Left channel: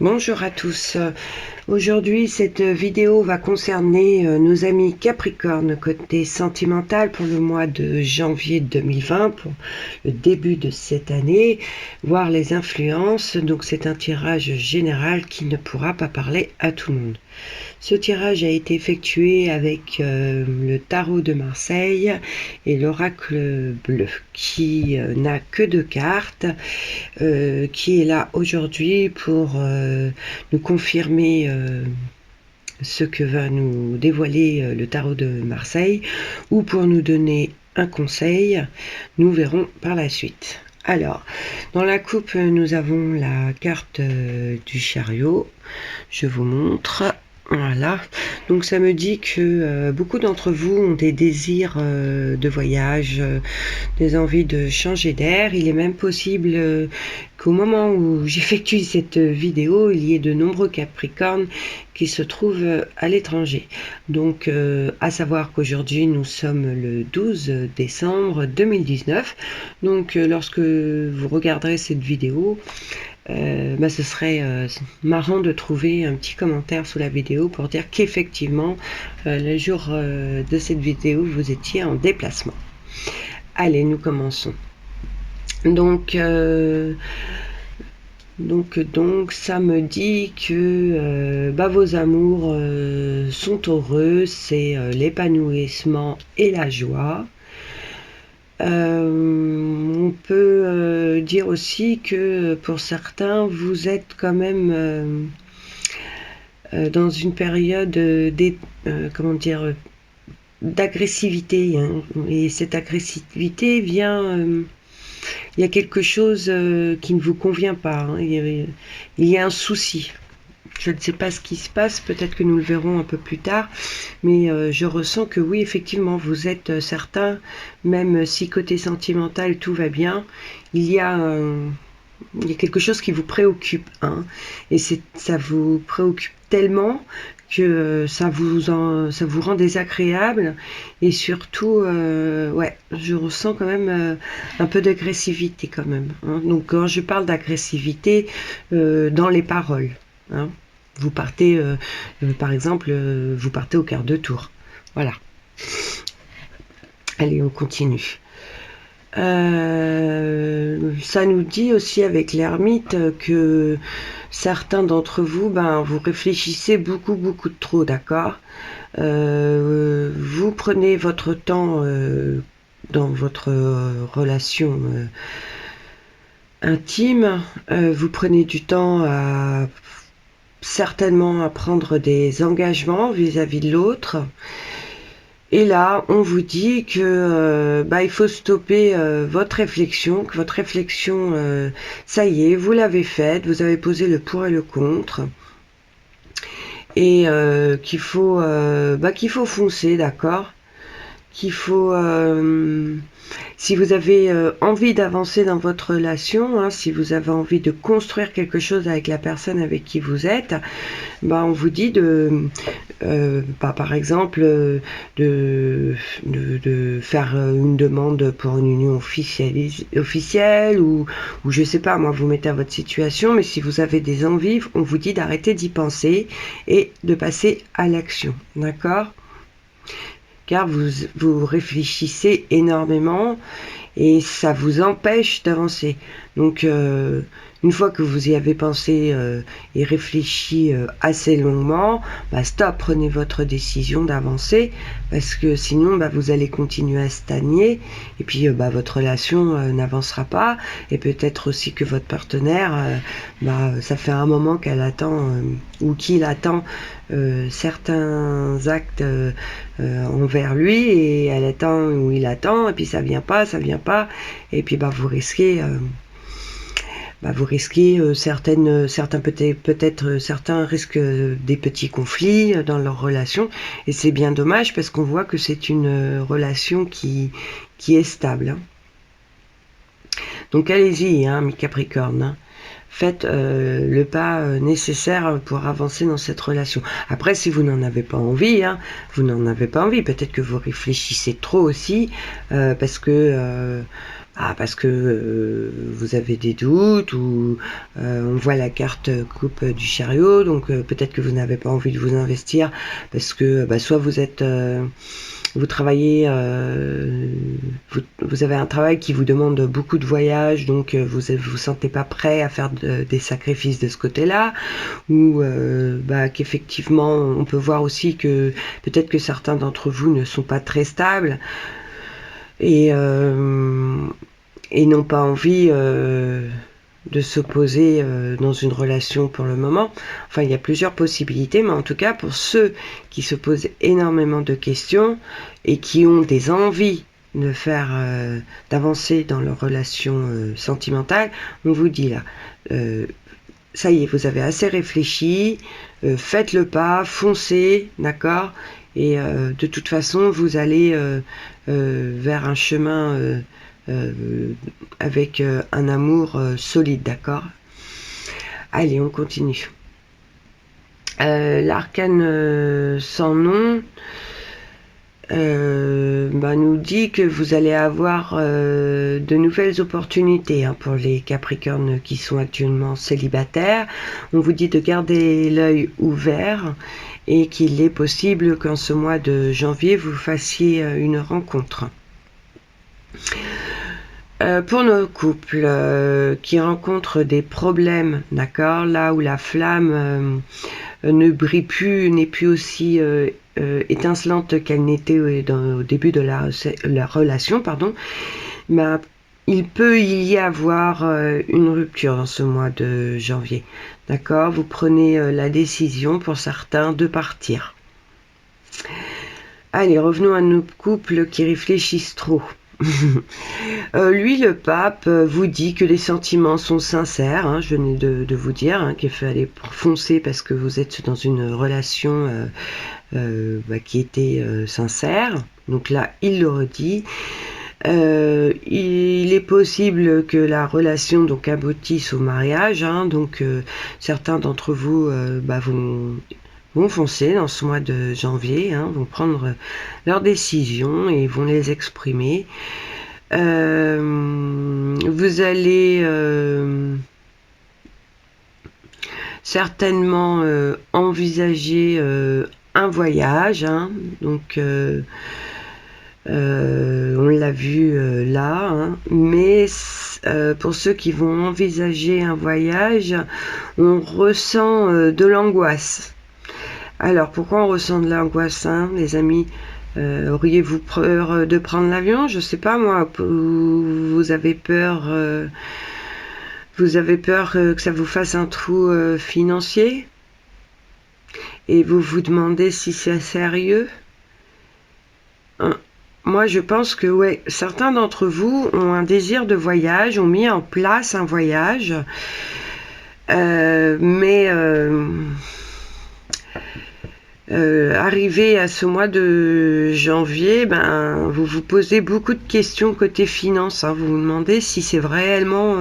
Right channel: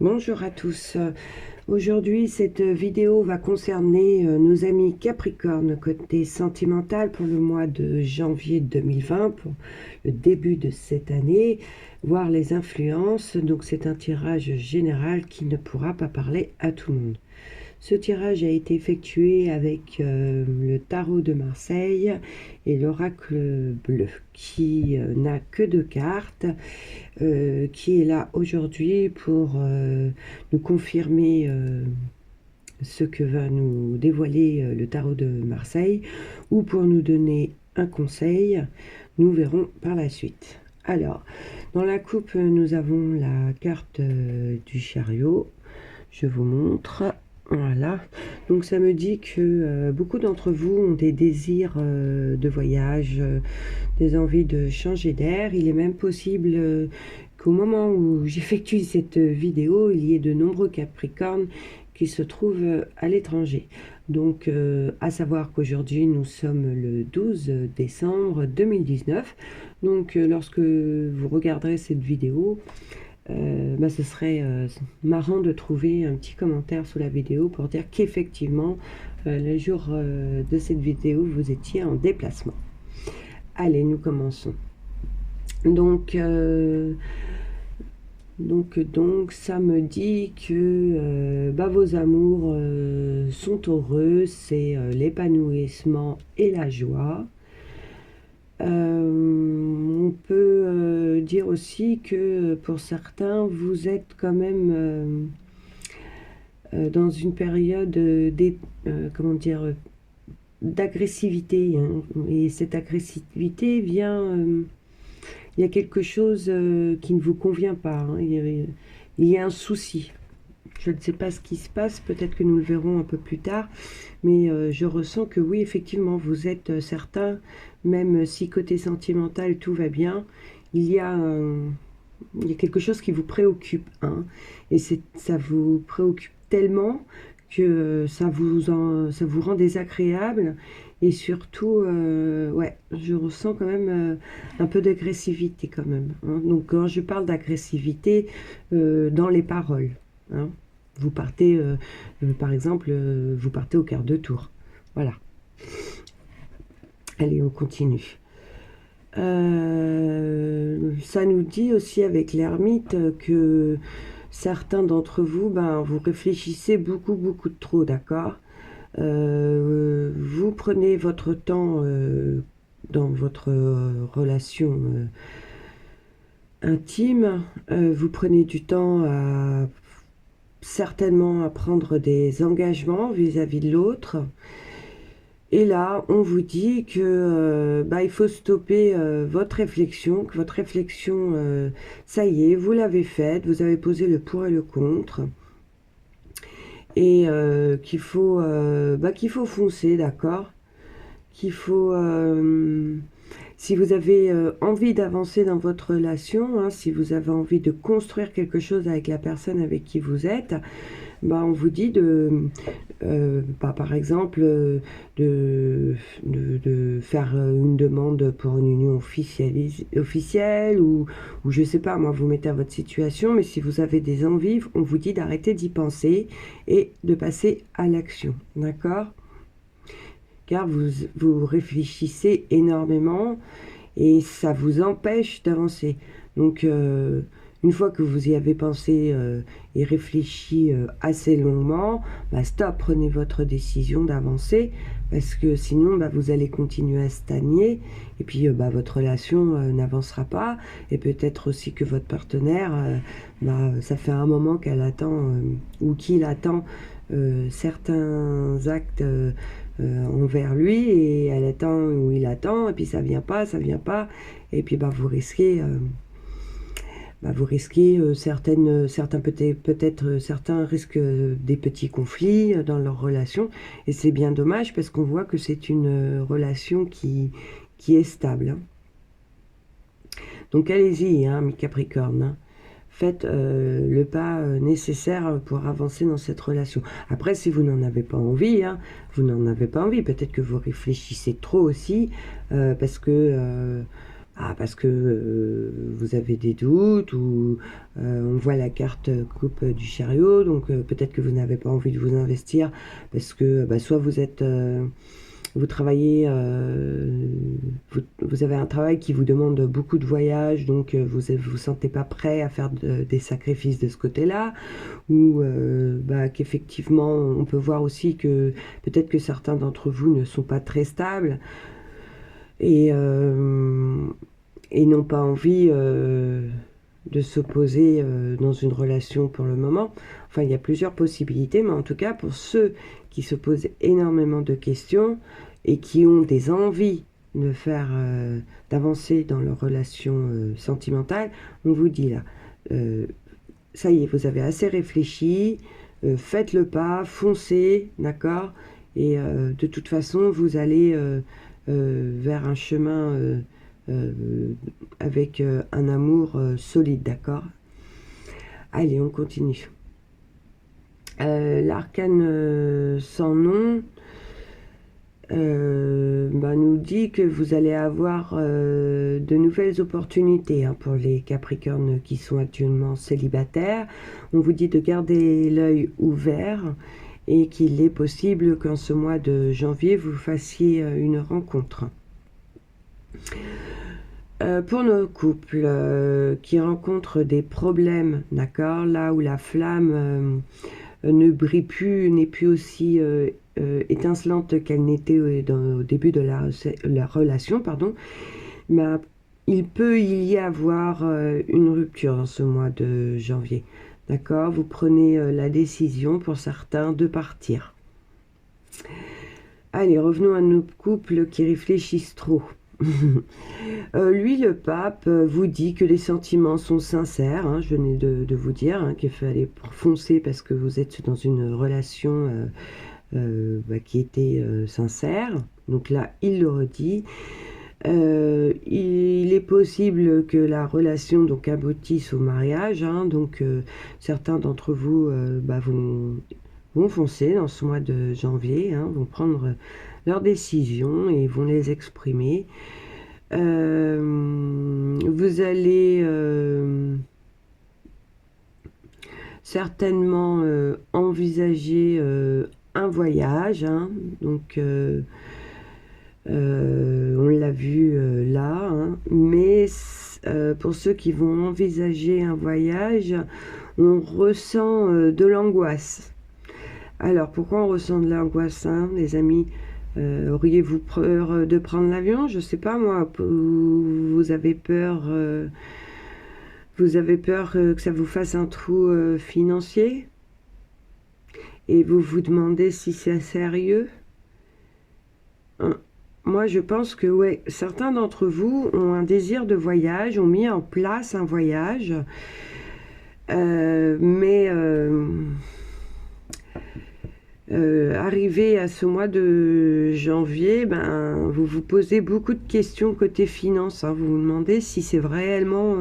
Bonjour à tous. Aujourd'hui, cette vidéo va concerner nos amis Capricorne côté sentimental pour le mois de janvier 2020, pour le début de cette année, voir les influences. Donc c'est un tirage général qui ne pourra pas parler à tout le monde. Ce tirage a été effectué avec le tarot de Marseille et l'oracle bleu, qui n'a que 2 cartes, qui est là aujourd'hui pour nous confirmer ce que va nous dévoiler le tarot de Marseille, ou pour nous donner un conseil. Nous verrons par la suite. Alors, dans la coupe, nous avons la carte du chariot. Je vous montre. Voilà, donc ça me dit que beaucoup d'entre vous ont des désirs de voyage, des envies de changer d'air. Il est même possible qu'au moment où j'effectue cette vidéo, il y ait de nombreux Capricornes qui se trouvent à l'étranger. Donc à savoir qu'aujourd'hui nous sommes le 12 décembre 2019. Donc lorsque vous regarderez cette vidéo, ce serait marrant de trouver un petit commentaire sous la vidéo pour dire qu'effectivement le jour de cette vidéo vous étiez en déplacement. Allez, nous commençons. Donc ça me dit que vos amours sont heureux, c'est l'épanouissement et la joie. On peut dire aussi que pour certains, vous êtes quand même dans une période d'agressivité, hein. Et cette agressivité vient... il y a quelque chose qui ne vous convient pas, hein. Il y a un souci. Je ne sais pas ce qui se passe, peut-être que nous le verrons un peu plus tard, mais je ressens que oui, effectivement, vous êtes certains, même si côté sentimental tout va bien, il y a quelque chose qui vous préoccupe, hein, et ça vous préoccupe tellement que ça vous rend désagréable, et surtout, ouais, je ressens quand même un peu d'agressivité quand même, hein. Donc quand je parle d'agressivité, dans les paroles, hein. Vous partez, par exemple, vous partez au quart de tour. Voilà. Allez, on continue. Ça nous dit aussi avec l'ermite que certains d'entre vous, vous réfléchissez beaucoup de trop, d'accord. Vous prenez votre temps dans votre relation intime, vous prenez du temps certainement à prendre des engagements vis-à-vis de l'autre. Et là, on vous dit que il faut stopper votre réflexion, que votre réflexion, ça y est, vous l'avez faite, vous avez posé le pour et le contre, et qu'il faut foncer, d'accord. Qu'il faut, si vous avez envie d'avancer dans votre relation, hein, si vous avez envie de construire quelque chose avec la personne avec qui vous êtes, on vous dit par exemple, de faire une demande pour une union officielle, ou je sais pas, moi, vous mettez à votre situation, mais si vous avez des envies, on vous dit d'arrêter d'y penser et de passer à l'action, d'accord ? Car vous réfléchissez énormément et ça vous empêche d'avancer. Donc une fois que vous y avez pensé et réfléchi assez longuement, stop, prenez votre décision d'avancer, parce que sinon vous allez continuer à stagner, et puis votre relation n'avancera pas, et peut-être aussi que votre partenaire, ça fait un moment qu'elle attend ou qu'il attend certains actes envers lui, et elle attend ou il attend, et puis ça vient pas, et puis vous risquez certains risquent des petits conflits dans leur relation, et c'est bien dommage, parce qu'on voit que c'est une relation qui est stable, hein. Donc allez-y, hein, mes Capricornes, hein. Faites le pas nécessaire pour avancer dans cette relation. Après, si vous n'en avez pas envie, hein, peut-être que vous réfléchissez trop aussi, parce que parce que vous avez des doutes, ou on voit la carte coupe du chariot, donc peut-être que vous n'avez pas envie de vous investir parce que soit vous êtes vous travaillez, vous avez un travail qui vous demande beaucoup de voyages, donc vous vous sentez pas prêt à faire des sacrifices de ce côté-là, ou qu'effectivement on peut voir aussi que peut-être que certains d'entre vous ne sont pas très stables et n'ont pas envie de s'opposer dans une relation pour le moment. Enfin, il y a plusieurs possibilités, mais en tout cas, pour ceux qui se posent énormément de questions et qui ont des envies de faire d'avancer dans leur relation sentimentale, on vous dit là, ça y est, vous avez assez réfléchi, faites le pas, foncez, d'accord, et de toute façon, vous allez vers un chemin avec un amour solide, d'accord. Allez, on continue. L'arcane sans nom nous dit que vous allez avoir de nouvelles opportunités pour les Capricornes qui sont actuellement célibataires. On vous dit de garder l'œil ouvert et qu'il est possible qu'en ce mois de janvier vous fassiez une rencontre. Pour nos couples qui rencontrent des problèmes, d'accord, là où la flamme ne brille plus, n'est plus aussi étincelante qu'elle n'était au début de la relation, pardon, il peut y avoir une rupture dans ce mois de janvier, d'accord. Vous prenez la décision pour certains de partir. Allez, revenons à nos couples qui réfléchissent trop. Lui, le pape, vous dit que les sentiments sont sincères, je venais de vous dire qu'il fallait foncer parce que vous êtes dans une relation qui était sincère, donc là il le redit. Il est possible que la relation donc aboutisse au mariage, donc certains d'entre vous vont foncer dans ce mois de janvier, vont prendre leurs décisions et vont les exprimer. Vous allez certainement envisager un voyage, donc on l'a vu là, mais pour ceux qui vont envisager un voyage, on ressent de l'angoisse. Alors pourquoi on ressent de l'angoisse, les amis? Auriez-vous peur de prendre l'avion? Je sais pas moi. Vous avez peur que ça vous fasse un trou financier? Et vous vous demandez si c'est sérieux? Moi, je pense que ouais, certains d'entre vous ont un désir de voyage, ont mis en place un voyage, arrivé à ce mois de janvier, vous vous posez beaucoup de questions côté finance. Vous vous demandez si c'est réellement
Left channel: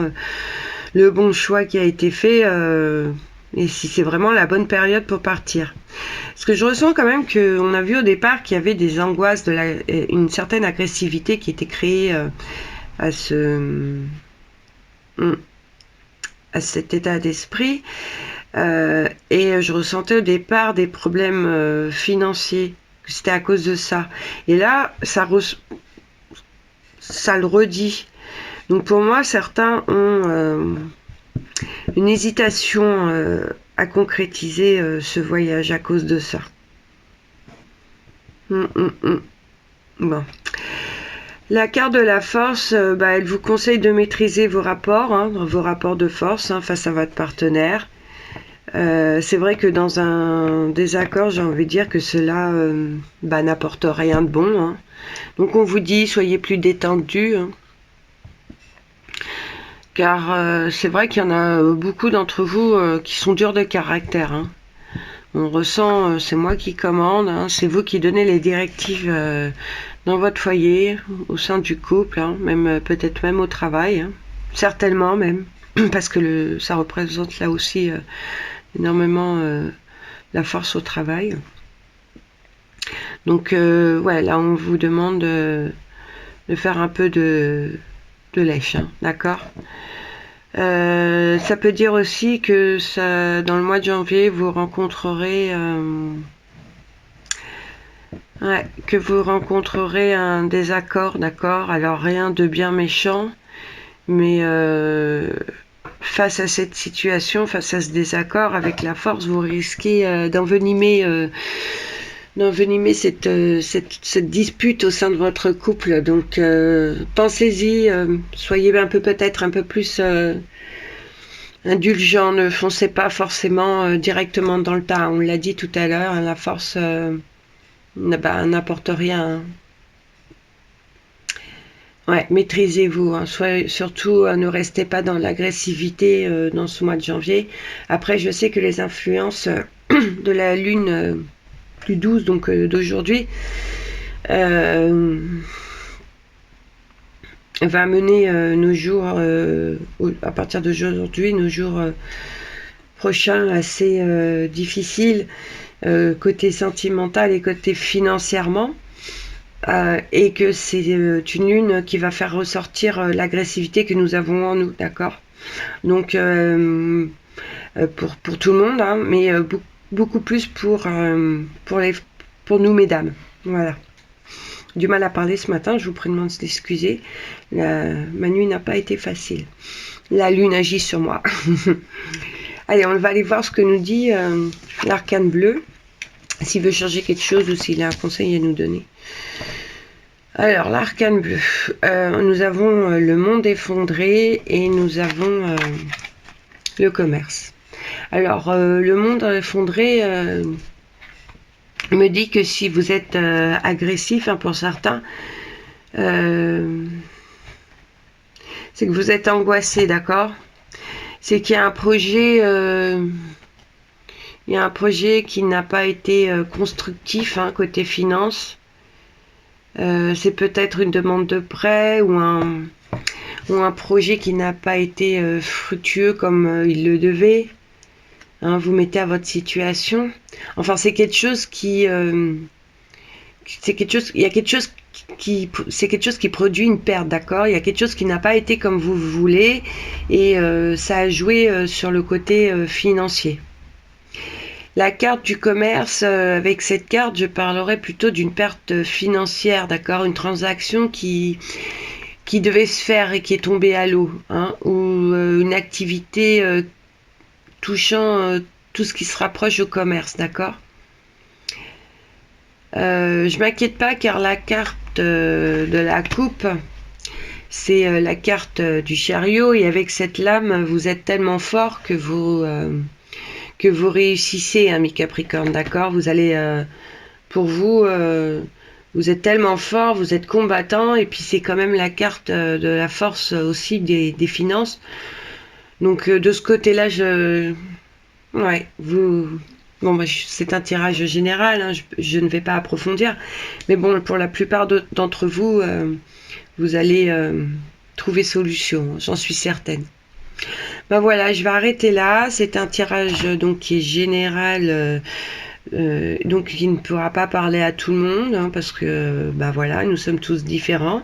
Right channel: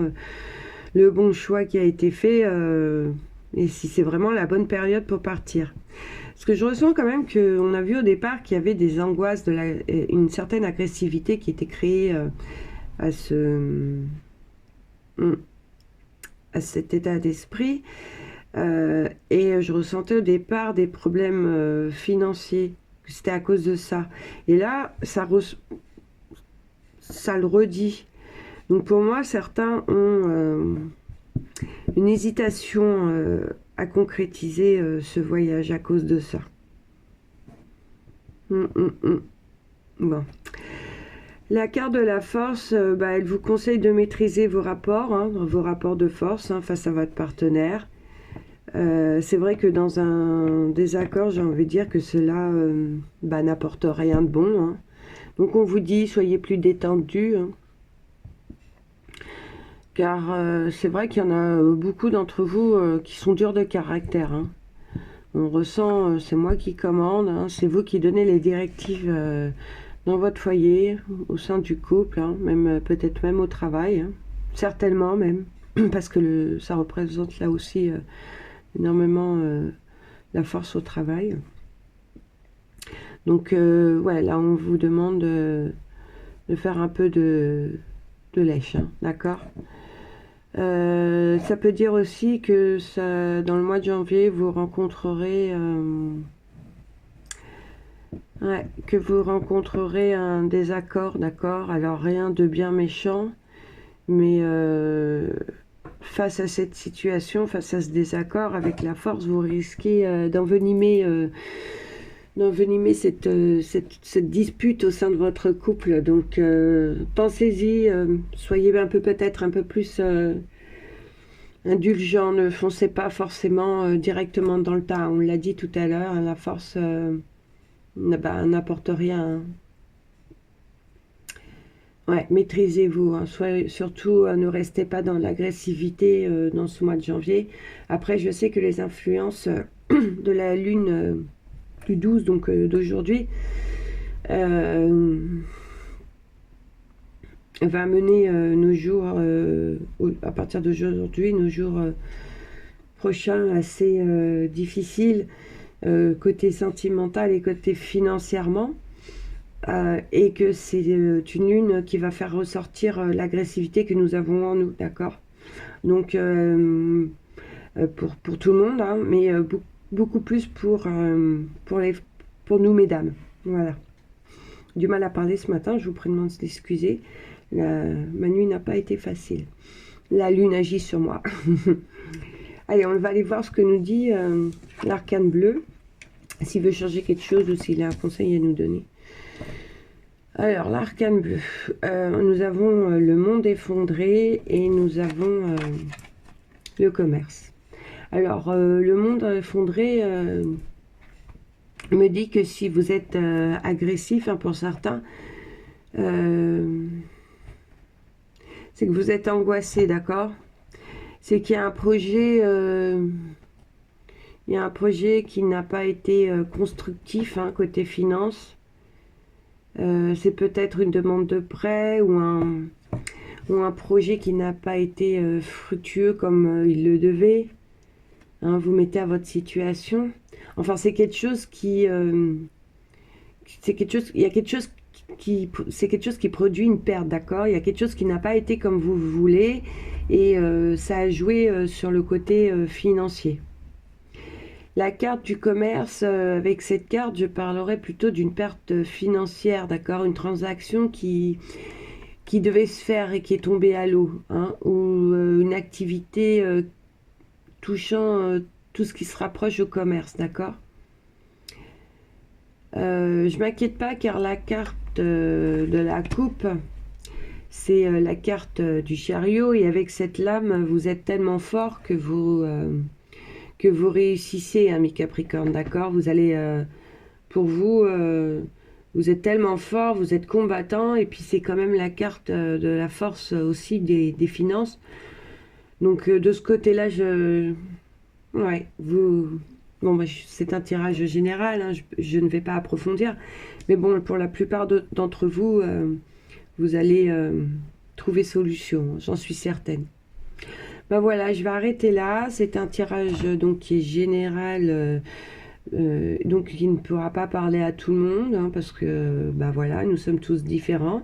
le bon choix qui a été fait et si c'est vraiment la bonne période pour partir. Parce que je ressens quand même qu'on a vu au départ qu'il y avait des angoisses, une certaine agressivité qui était créée à cet état d'esprit. Et je ressentais au départ des problèmes financiers, que c'était à cause de ça. Et là, ça le redit. Donc pour moi, certains ont une hésitation à concrétiser ce voyage à cause de ça. Bon. La carte de la force, elle vous conseille de maîtriser vos rapports, vos rapports de force face à votre partenaire. C'est vrai que dans un désaccord, j'ai envie de dire que cela n'apporte rien de bon. Donc on vous dit, soyez plus détendu. Car c'est vrai qu'il y en a beaucoup d'entre vous qui sont durs de caractère. On ressent, c'est moi qui commande, c'est vous qui donnez les directives dans votre foyer, au sein du couple, même peut-être même au travail, certainement même, parce que ça représente là aussi énormément la force au travail. Donc là on vous demande de faire un peu de de lèche, hein, d'accord. Ça peut dire aussi que dans le mois de janvier, vous rencontrerez un désaccord, d'accord. Alors rien de bien méchant, mais face à cette situation, face à ce désaccord, avec la force, vous risquez d'envenimer cette dispute au sein de votre couple. Donc pensez-y, soyez peut-être un peu plus indulgent, ne foncez pas forcément directement dans le tas. On l'a dit tout à l'heure, hein, la force n'apporte rien. Ouais, maîtrisez-vous, hein. Surtout ne restez pas dans l'agressivité dans ce mois de janvier. Après, je sais que les influences de la lune plus douce, donc d'aujourd'hui, va mener nos jours, à partir d'aujourd'hui, nos jours prochains assez difficiles, côté sentimental et côté financièrement. Et que c'est une lune qui va faire ressortir l'agressivité que nous avons en nous, d'accord. Donc pour tout le monde, hein, mais beaucoup plus pour nous mesdames. Voilà. Du mal à parler ce matin, je vous prie de m'en excuser. Ma nuit n'a pas été facile. La lune agit sur moi. Allez, on va aller voir ce que nous dit l'arcane bleu, s'il veut changer quelque chose ou s'il a un conseil à nous donner. Alors, l'arcane bleu, nous avons le monde effondré et nous avons le commerce. Alors, le monde effondré me dit que si vous êtes agressif, hein, pour certains, c'est que vous êtes angoissé, d'accord? C'est qu'il y a un projet, qui n'a pas été constructif, hein, côté finance. C'est peut-être une demande de prêt ou un projet qui n'a pas été fructueux comme il le devait. Hein, vous mettez à votre situation. Enfin, c'est quelque chose qui produit une perte, d'accord. Il y a quelque chose qui n'a pas été comme vous voulez et ça a joué sur le côté financier. La carte du commerce, avec cette carte, je parlerai plutôt d'une perte financière, d'accord, une transaction qui devait se faire et qui est tombée à l'eau, hein, ou une activité touchant tout ce qui se rapproche au commerce, d'accord. Je m'inquiète pas car la carte de la coupe, c'est la carte du chariot et avec cette lame, vous êtes tellement fort que vous réussissez, hein, mes Capricornes, d'accord. Vous allez, pour vous, vous êtes tellement fort, vous êtes combattant, et puis c'est quand même la carte de la force aussi des finances. Donc de ce côté-là, ouais, bon, c'est un tirage général, hein, je ne vais pas approfondir, mais bon, pour la plupart d'entre vous, vous allez trouver solution, j'en suis certaine. Ben voilà, je vais arrêter là. C'est un tirage donc qui est général, donc qui ne pourra pas parler à tout le monde, hein, parce que ben voilà, nous sommes tous différents.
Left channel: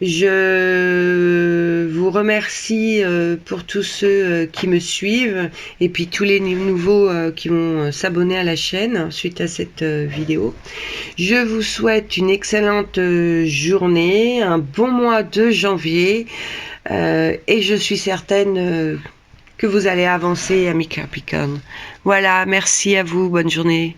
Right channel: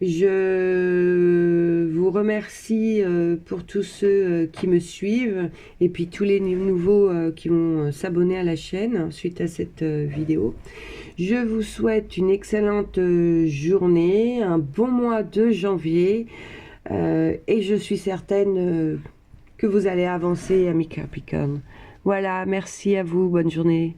Je vous remercie pour tous ceux qui me suivent et puis tous les nouveaux qui vont s'abonner à la chaîne suite à cette vidéo. Je vous souhaite une excellente journée, un bon mois de janvier. Et je suis certaine que vous allez avancer, amis Capricorne. Voilà, merci à vous, bonne journée.